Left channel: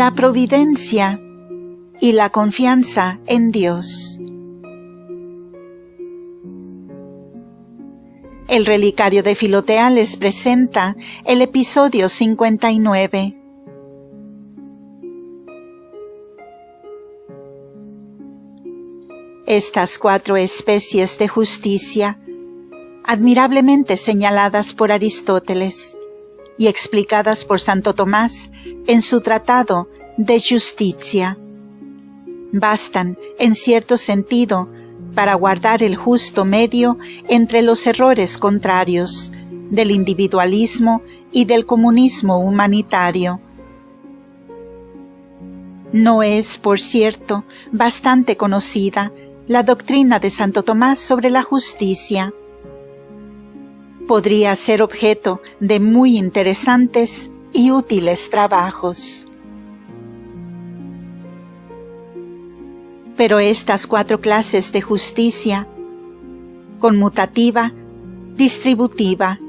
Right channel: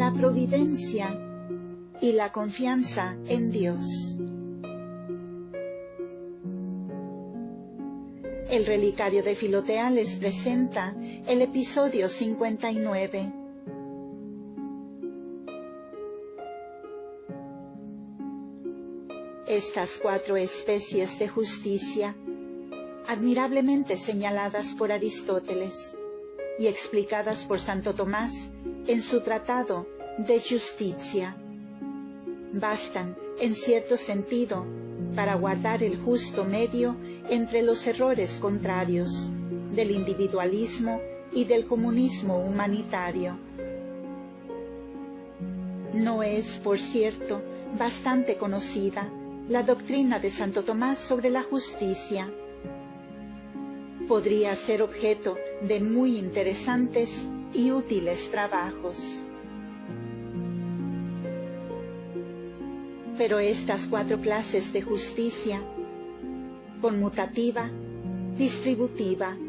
la providencia y la confianza en Dios. El relicario de Filotea les presenta el episodio 59. Estas 4 especies de justicia, admirablemente señaladas por Aristóteles y explicadas por Santo Tomás en su tratado De Justitia, bastan, en cierto sentido, para guardar el justo medio entre los errores contrarios del individualismo y del comunismo humanitario. No es, por cierto, bastante conocida la doctrina de Santo Tomás sobre la justicia. Podría ser objeto de muy interesantes y útiles trabajos. Pero estas 4 clases de justicia, conmutativa, distributiva,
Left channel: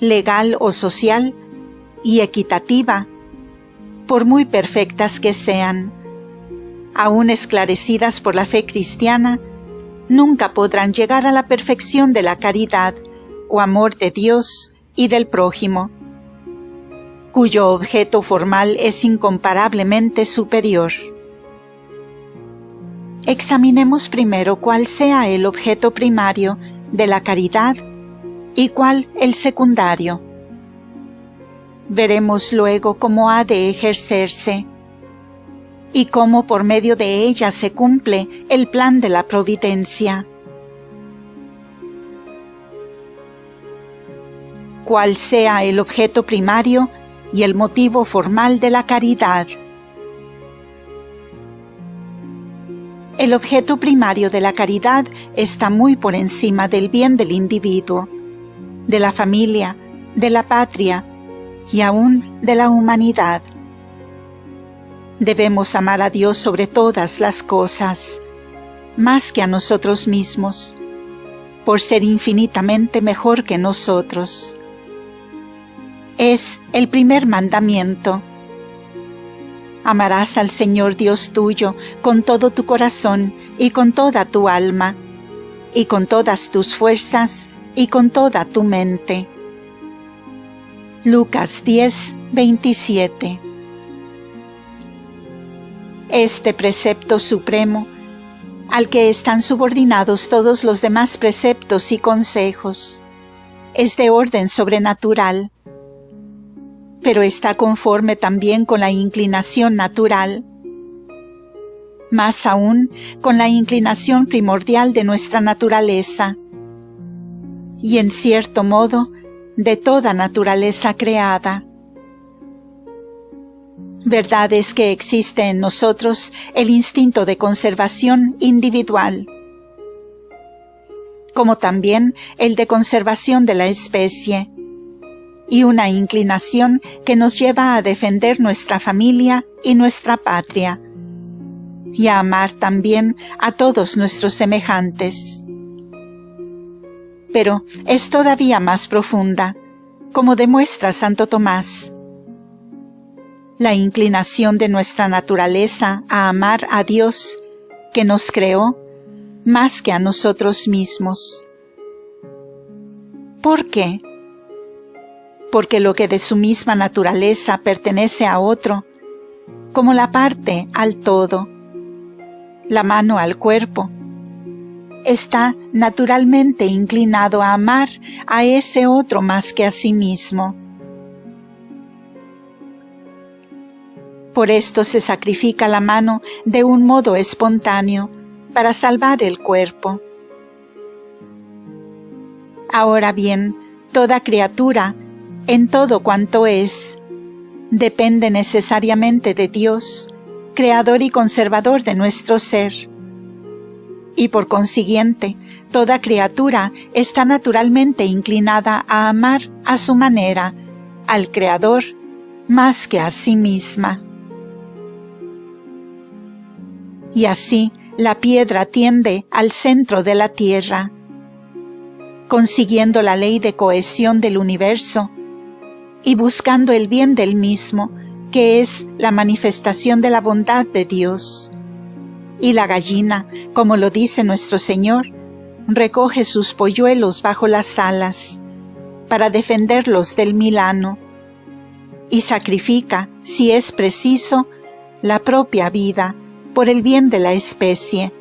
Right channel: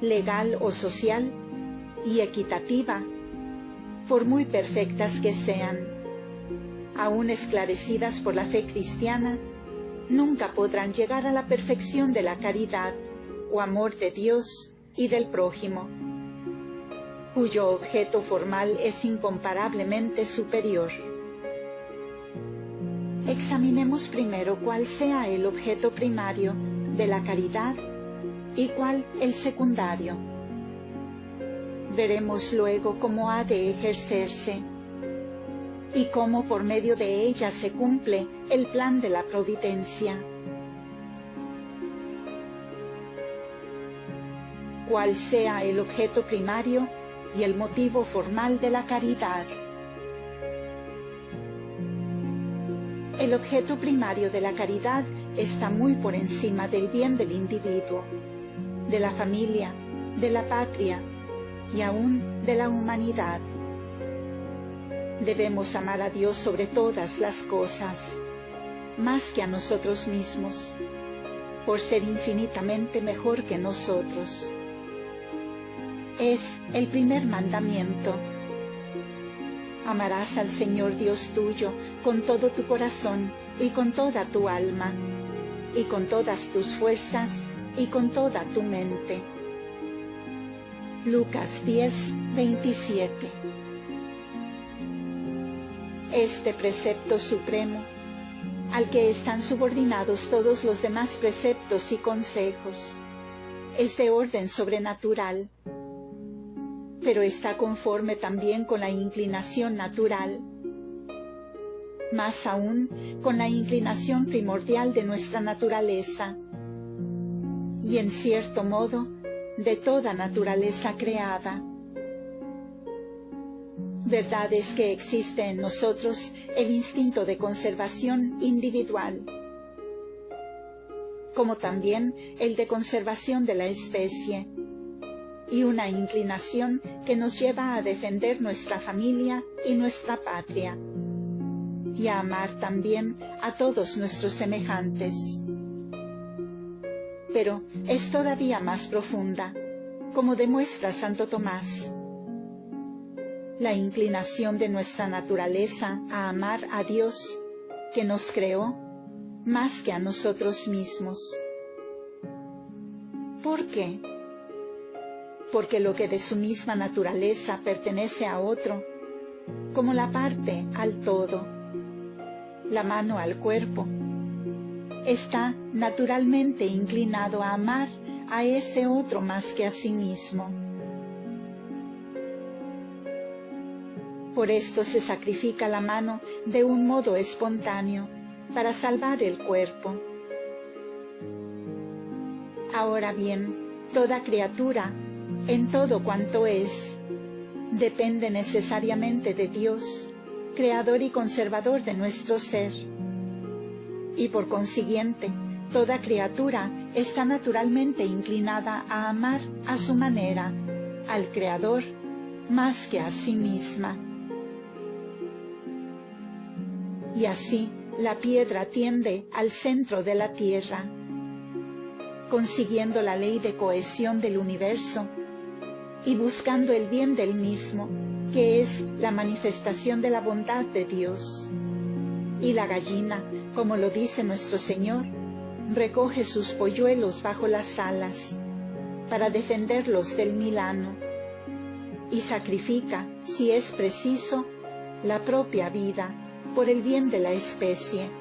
legal o social y equitativa, por muy perfectas que sean, aún esclarecidas por la fe cristiana, nunca podrán llegar a la perfección de la caridad o amor de Dios y del prójimo, cuyo objeto formal es incomparablemente superior. Examinemos primero cuál sea el objeto primario de la caridad y cuál el secundario. Veremos luego cómo ha de ejercerse y cómo por medio de ella se cumple el plan de la providencia. Cuál sea el objeto primario y el motivo formal de la caridad. El objeto primario de la caridad está muy por encima del bien del individuo, de la familia, de la patria y aún de la humanidad. Debemos amar a Dios sobre todas las cosas, más que a nosotros mismos, por ser infinitamente mejor que nosotros. Es el primer mandamiento. Amarás al Señor Dios tuyo con todo tu corazón y con toda tu alma, y con todas tus fuerzas y con toda tu mente. Lucas 10, 27. Este precepto supremo, al que están subordinados todos los demás preceptos y consejos, es de orden sobrenatural, pero está conforme también con la inclinación natural, más aún con la inclinación primordial de nuestra naturaleza, y en cierto modo de toda naturaleza creada. Verdad es que existe en nosotros el instinto de conservación individual, como también el de conservación de la especie, y una inclinación que nos lleva a defender nuestra familia y nuestra patria, y a amar también a todos nuestros semejantes. Pero es todavía más profunda, como demuestra Santo Tomás. La inclinación de nuestra naturaleza a amar a Dios, que nos creó, más que a nosotros mismos. ¿Por qué? Porque lo que de su misma naturaleza pertenece a otro, como la parte al todo, la mano al cuerpo, está naturalmente inclinado a amar a ese otro más que a sí mismo. Por esto se sacrifica la mano de un modo espontáneo para salvar el cuerpo. Ahora bien, toda criatura, en todo cuanto es, depende necesariamente de Dios, creador y conservador de nuestro ser. Y por consiguiente, toda criatura está naturalmente inclinada a amar a su manera al Creador más que a sí misma. Y así la piedra tiende al centro de la tierra, consiguiendo la ley de cohesión del universo y buscando el bien del mismo que es la manifestación de la bondad de Dios. Y la gallina, como lo dice nuestro Señor, recoge sus polluelos bajo las alas para defenderlos del milano, y sacrifica, si es preciso, la propia vida por el bien de la especie,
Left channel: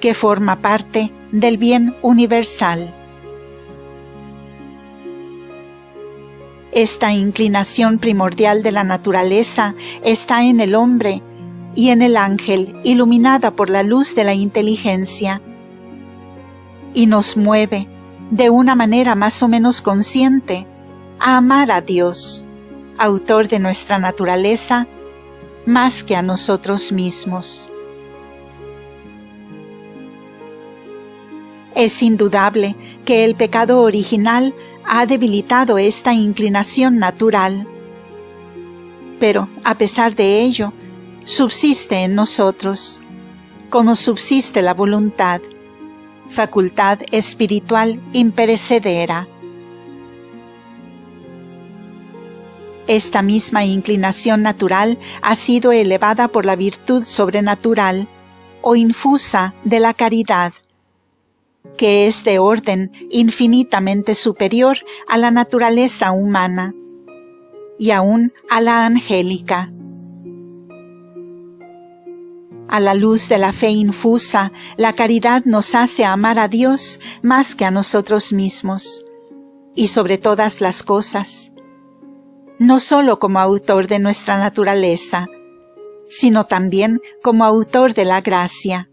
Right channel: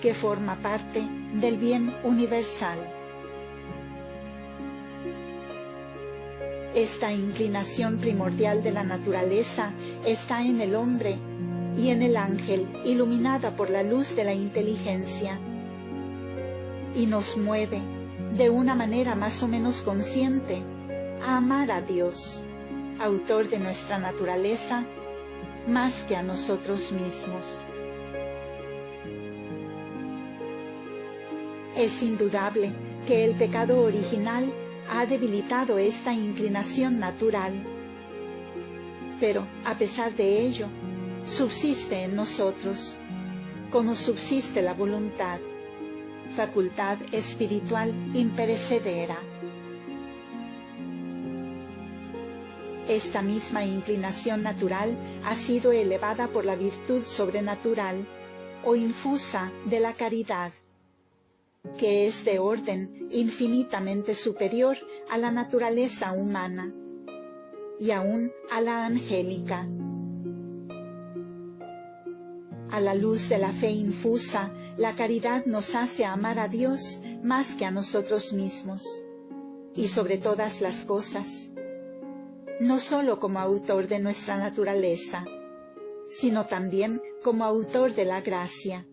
que forma parte del bien universal. Esta inclinación primordial de la naturaleza está en el hombre y en el ángel, iluminada por la luz de la inteligencia, y nos mueve, de una manera más o menos consciente, a amar a Dios, autor de nuestra naturaleza, más que a nosotros mismos. Es indudable que el pecado original ha debilitado esta inclinación natural, pero a pesar de ello, subsiste en nosotros, como subsiste la voluntad, facultad espiritual imperecedera. Esta misma inclinación natural ha sido elevada por la virtud sobrenatural o infusa de la caridad, que es de orden infinitamente superior a la naturaleza humana y aún a la angélica. A la luz de la fe infusa, la caridad nos hace amar a Dios más que a nosotros mismos, y sobre todas las cosas, no sólo como autor de nuestra naturaleza, sino también como autor de la gracia.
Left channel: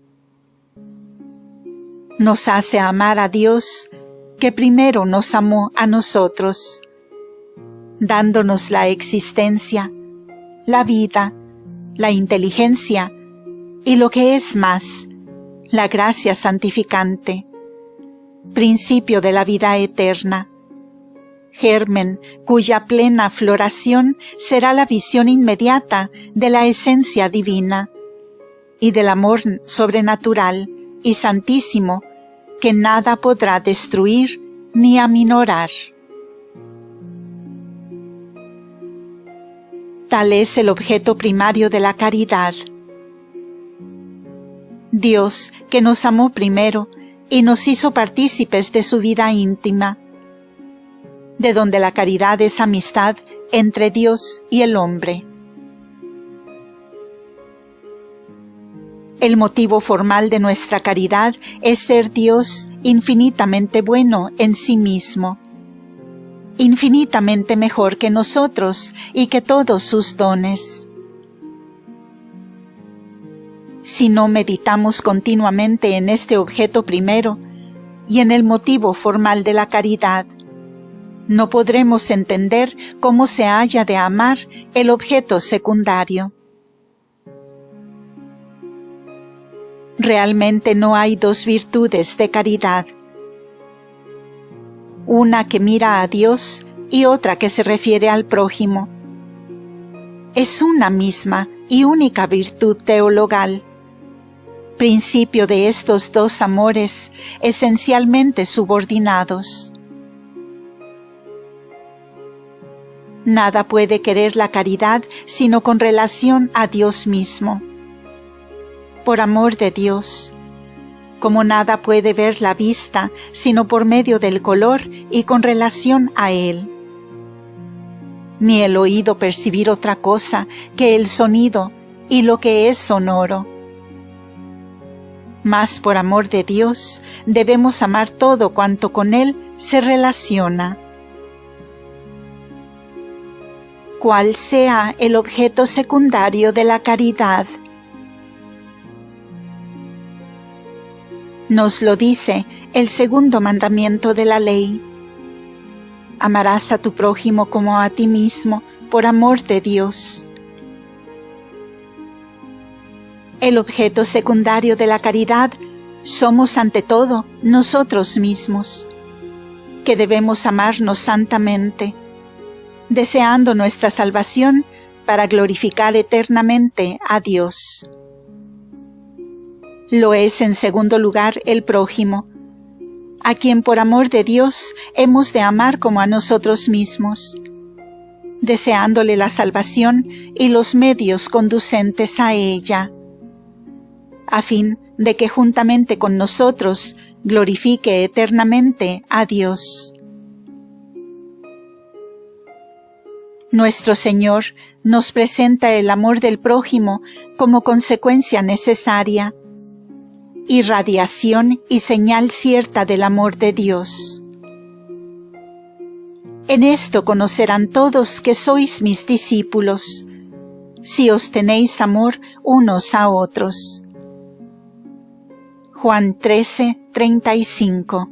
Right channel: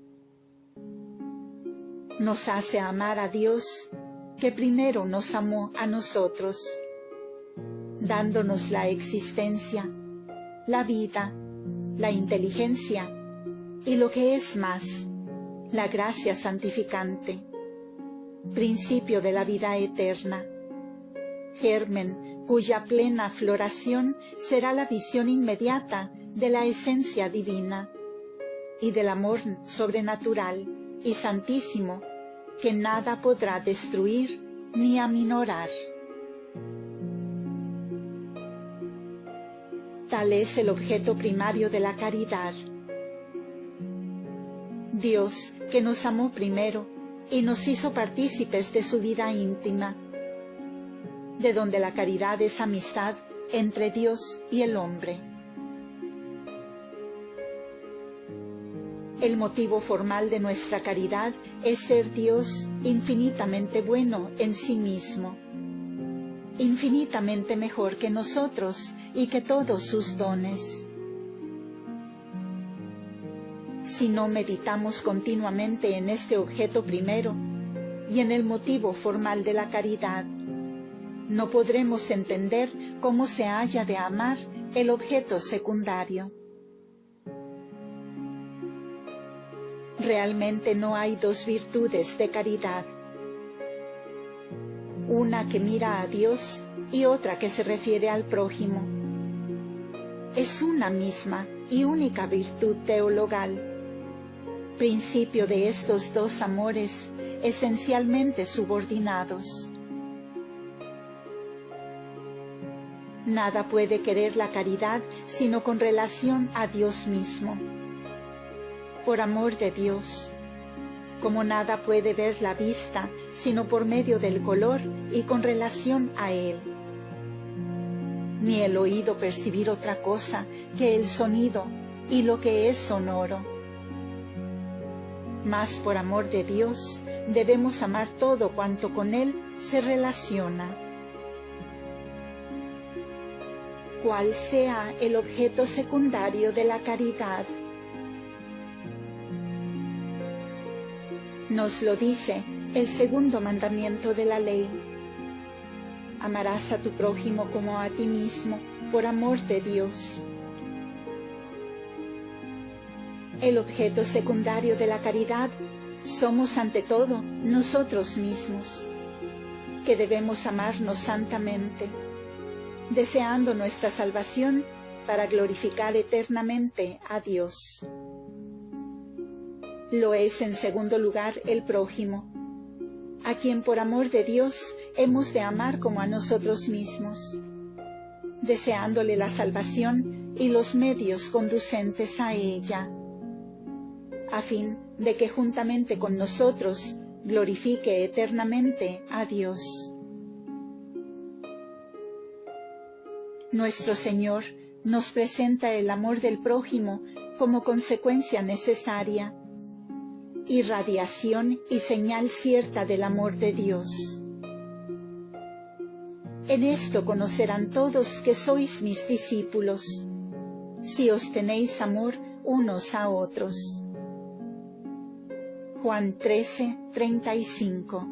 Nos hace amar a Dios, que primero nos amó a nosotros, dándonos la existencia, la vida, la inteligencia y lo que es más, la gracia santificante, principio de la vida eterna, germen cuya plena floración será la visión inmediata de la esencia divina y del amor sobrenatural y santísimo que nada podrá destruir ni aminorar. Tal es el objeto primario de la caridad. Dios, que nos amó primero y nos hizo partícipes de su vida íntima, de donde la caridad es amistad entre Dios y el hombre. El motivo formal de nuestra caridad es ser Dios infinitamente bueno en sí mismo, infinitamente mejor que nosotros y que todos sus dones. Si no meditamos continuamente en este objeto primero y en el motivo formal de la caridad, no podremos entender cómo se haya de amar el objeto secundario. Realmente no hay dos virtudes de caridad, una que mira a Dios y otra que se refiere al prójimo. Es una misma y única virtud teologal, principio de estos dos amores esencialmente subordinados. Nada puede querer la caridad sino con relación a Dios mismo. Por amor de Dios, como nada puede ver la vista sino por medio del color y con relación a él, ni el oído percibir otra cosa que el sonido y lo que es sonoro. Mas por amor de Dios debemos amar todo cuanto con él se relaciona. Cuál sea el objeto secundario de la caridad. Nos lo dice el segundo mandamiento de la ley. Amarás a tu prójimo como a ti mismo, por amor de Dios. El objeto secundario de la caridad somos ante todo nosotros mismos, que debemos amarnos santamente, deseando nuestra salvación para glorificar eternamente a Dios. Lo es en segundo lugar el prójimo, a quien por amor de Dios hemos de amar como a nosotros mismos, deseándole la salvación y los medios conducentes a ella, a fin de que juntamente con nosotros glorifique eternamente a Dios. Nuestro Señor nos presenta el amor del prójimo como consecuencia necesaria, irradiación y señal cierta del amor de Dios. En esto conocerán todos que sois mis discípulos, si os tenéis amor unos a otros. Juan 13:35.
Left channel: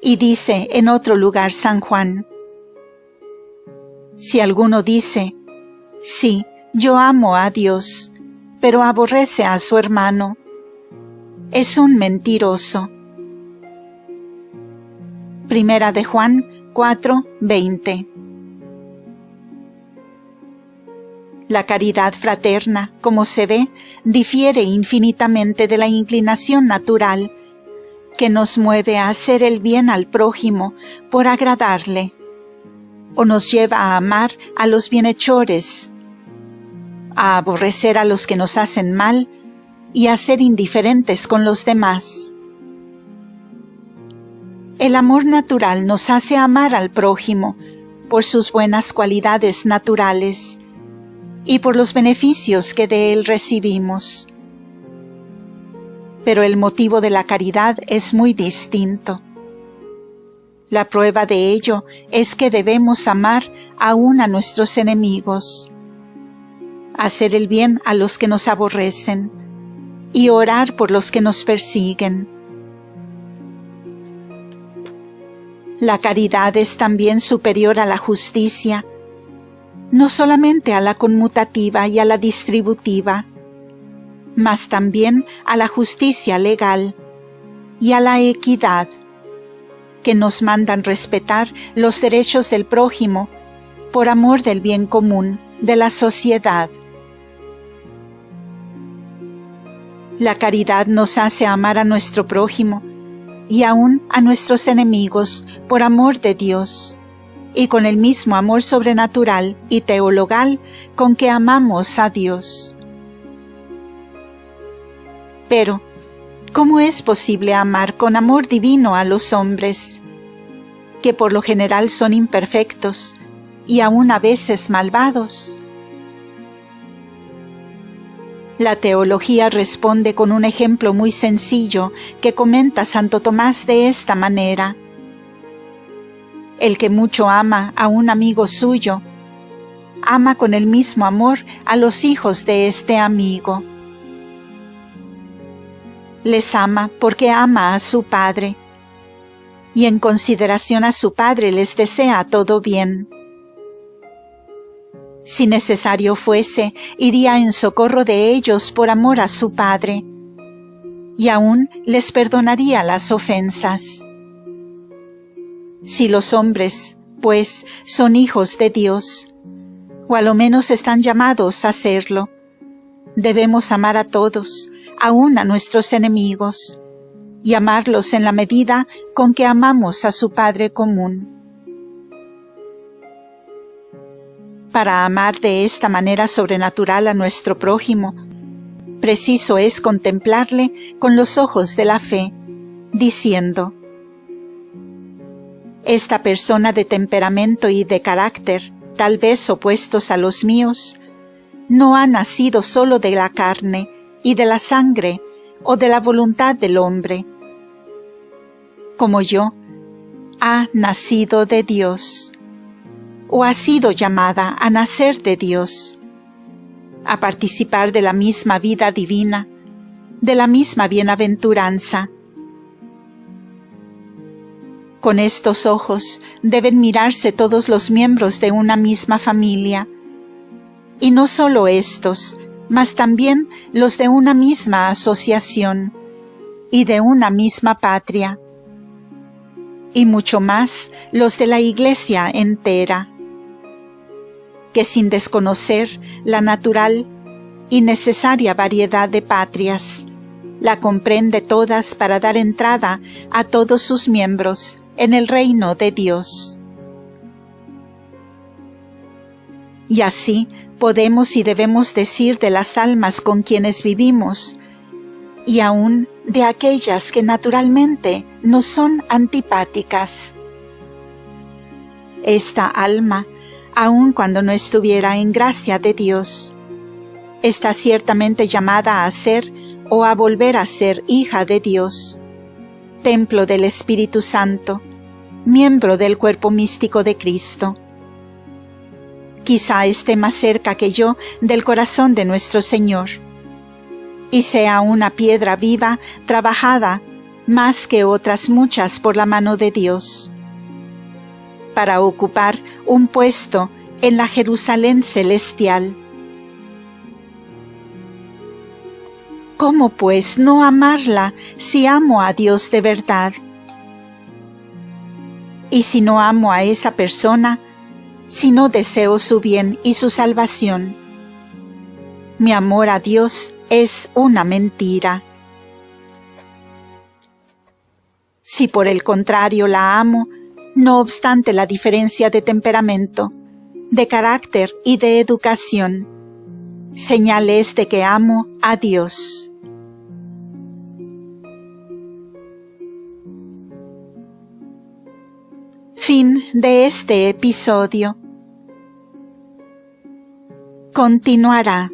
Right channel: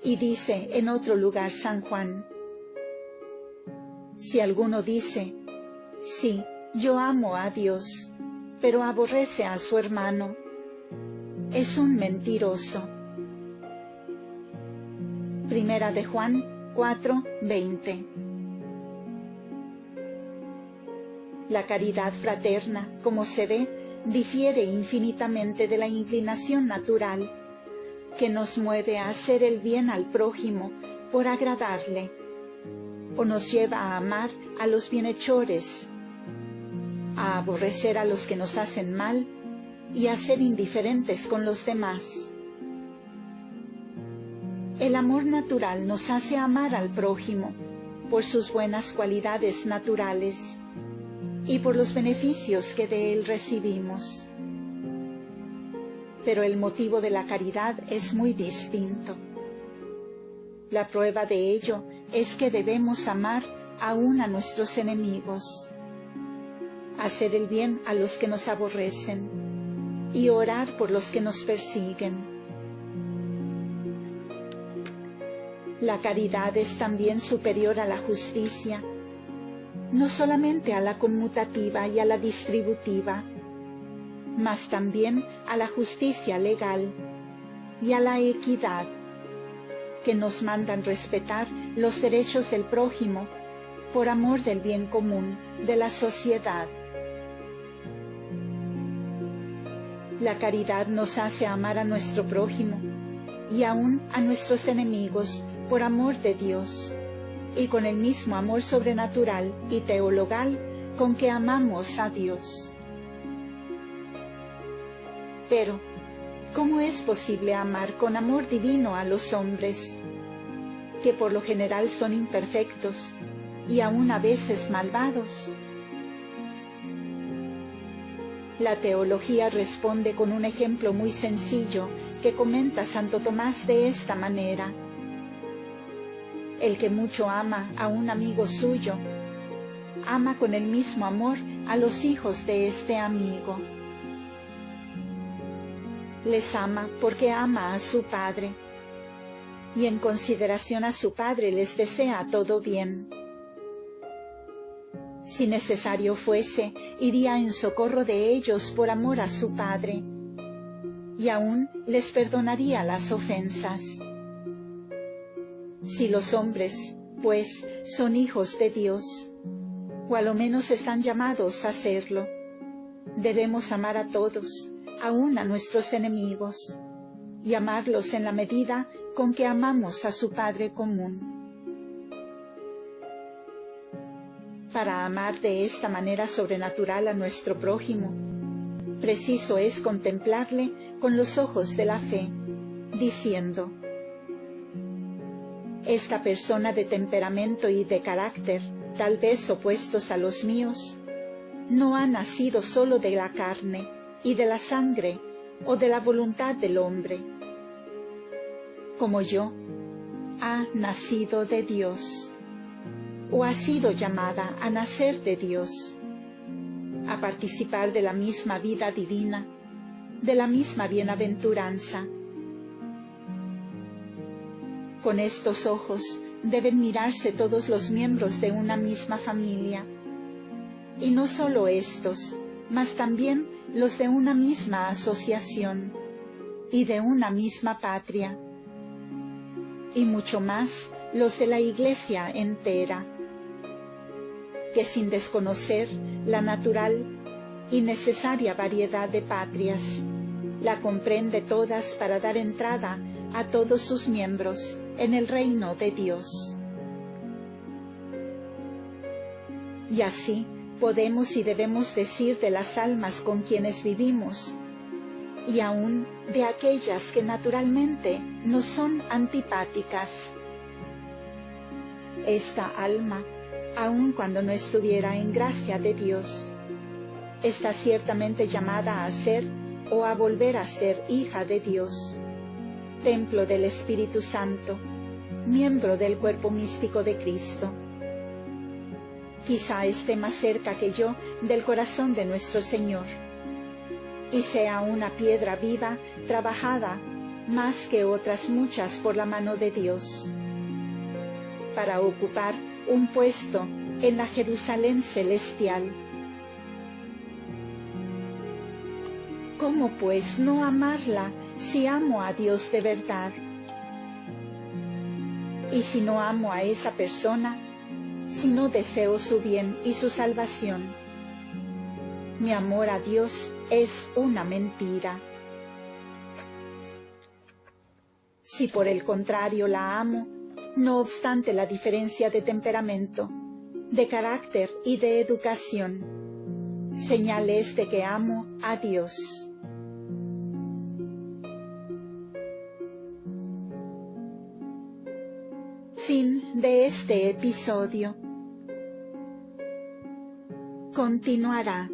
Y dice en otro lugar San Juan: si alguno dice, sí, yo amo a Dios, pero aborrece a su hermano, es un mentiroso. Primera de Juan 4:20. La caridad fraterna, como se ve, difiere infinitamente de la inclinación natural que nos mueve a hacer el bien al prójimo por agradarle, o nos lleva a amar a los bienhechores, a aborrecer a los que nos hacen mal y a ser indiferentes con los demás. El amor natural nos hace amar al prójimo por sus buenas cualidades naturales y por los beneficios que de él recibimos. Pero el motivo de la caridad es muy distinto. La prueba de ello es que debemos amar aún a nuestros enemigos, hacer el bien a los que nos aborrecen y orar por los que nos persiguen. La caridad es también superior a la justicia, no solamente a la conmutativa y a la distributiva, mas también a la justicia legal y a la equidad, que nos mandan respetar los derechos del prójimo por amor del bien común de la sociedad. La caridad nos hace amar a nuestro prójimo y aún a nuestros enemigos por amor de Dios, y con el mismo amor sobrenatural y teologal con que amamos a Dios. Pero, ¿cómo es posible amar con amor divino a los hombres, que por lo general son imperfectos y aún a veces malvados? La teología responde con un ejemplo muy sencillo que comenta Santo Tomás de esta manera: el que mucho ama a un amigo suyo, ama con el mismo amor a los hijos de este amigo. Les ama porque ama a su Padre, y en consideración a su Padre les desea todo bien. Si necesario fuese, iría en socorro de ellos por amor a su Padre, y aún les perdonaría las ofensas. Si los hombres, pues, son hijos de Dios, o a lo menos están llamados a serlo, debemos amar a todos, aún a nuestros enemigos, y amarlos en la medida con que amamos a su Padre común. Para amar de esta manera sobrenatural a nuestro prójimo, preciso es contemplarle con los ojos de la fe, diciendo: esta persona de temperamento y de carácter, tal vez opuestos a los míos, no ha nacido solo de la carne y de la sangre o de la voluntad del hombre. Como yo, ha nacido de Dios, o ha sido llamada a nacer de Dios, a participar de la misma vida divina, de la misma bienaventuranza. Con estos ojos deben mirarse todos los miembros de una misma familia, y no solo estos, mas también los de una misma asociación y de una misma patria, y mucho más los de la Iglesia entera, que sin desconocer la natural y necesaria variedad de patrias, la comprende todas para dar entrada a todos sus miembros en el reino de Dios. Y así podemos y debemos decir de las almas con quienes vivimos, y aún de aquellas que naturalmente nos son antipáticas. Esta alma, aun cuando no estuviera en gracia de Dios, está ciertamente llamada a ser o a volver a ser hija de Dios, templo del Espíritu Santo, miembro del cuerpo místico de Cristo. Quizá esté más cerca que yo del corazón de nuestro Señor, y sea una piedra viva, trabajada, más que otras muchas por la mano de Dios, para ocupar un puesto en la Jerusalén celestial. ¿Cómo pues no amarla si amo a Dios de verdad? Y si no amo a esa persona, si no deseo su bien y su salvación, mi amor a Dios es una mentira. Si por el contrario la amo, no obstante la diferencia de temperamento, de carácter y de educación, señal es de que amo a Dios. Fin de este episodio. Continuará.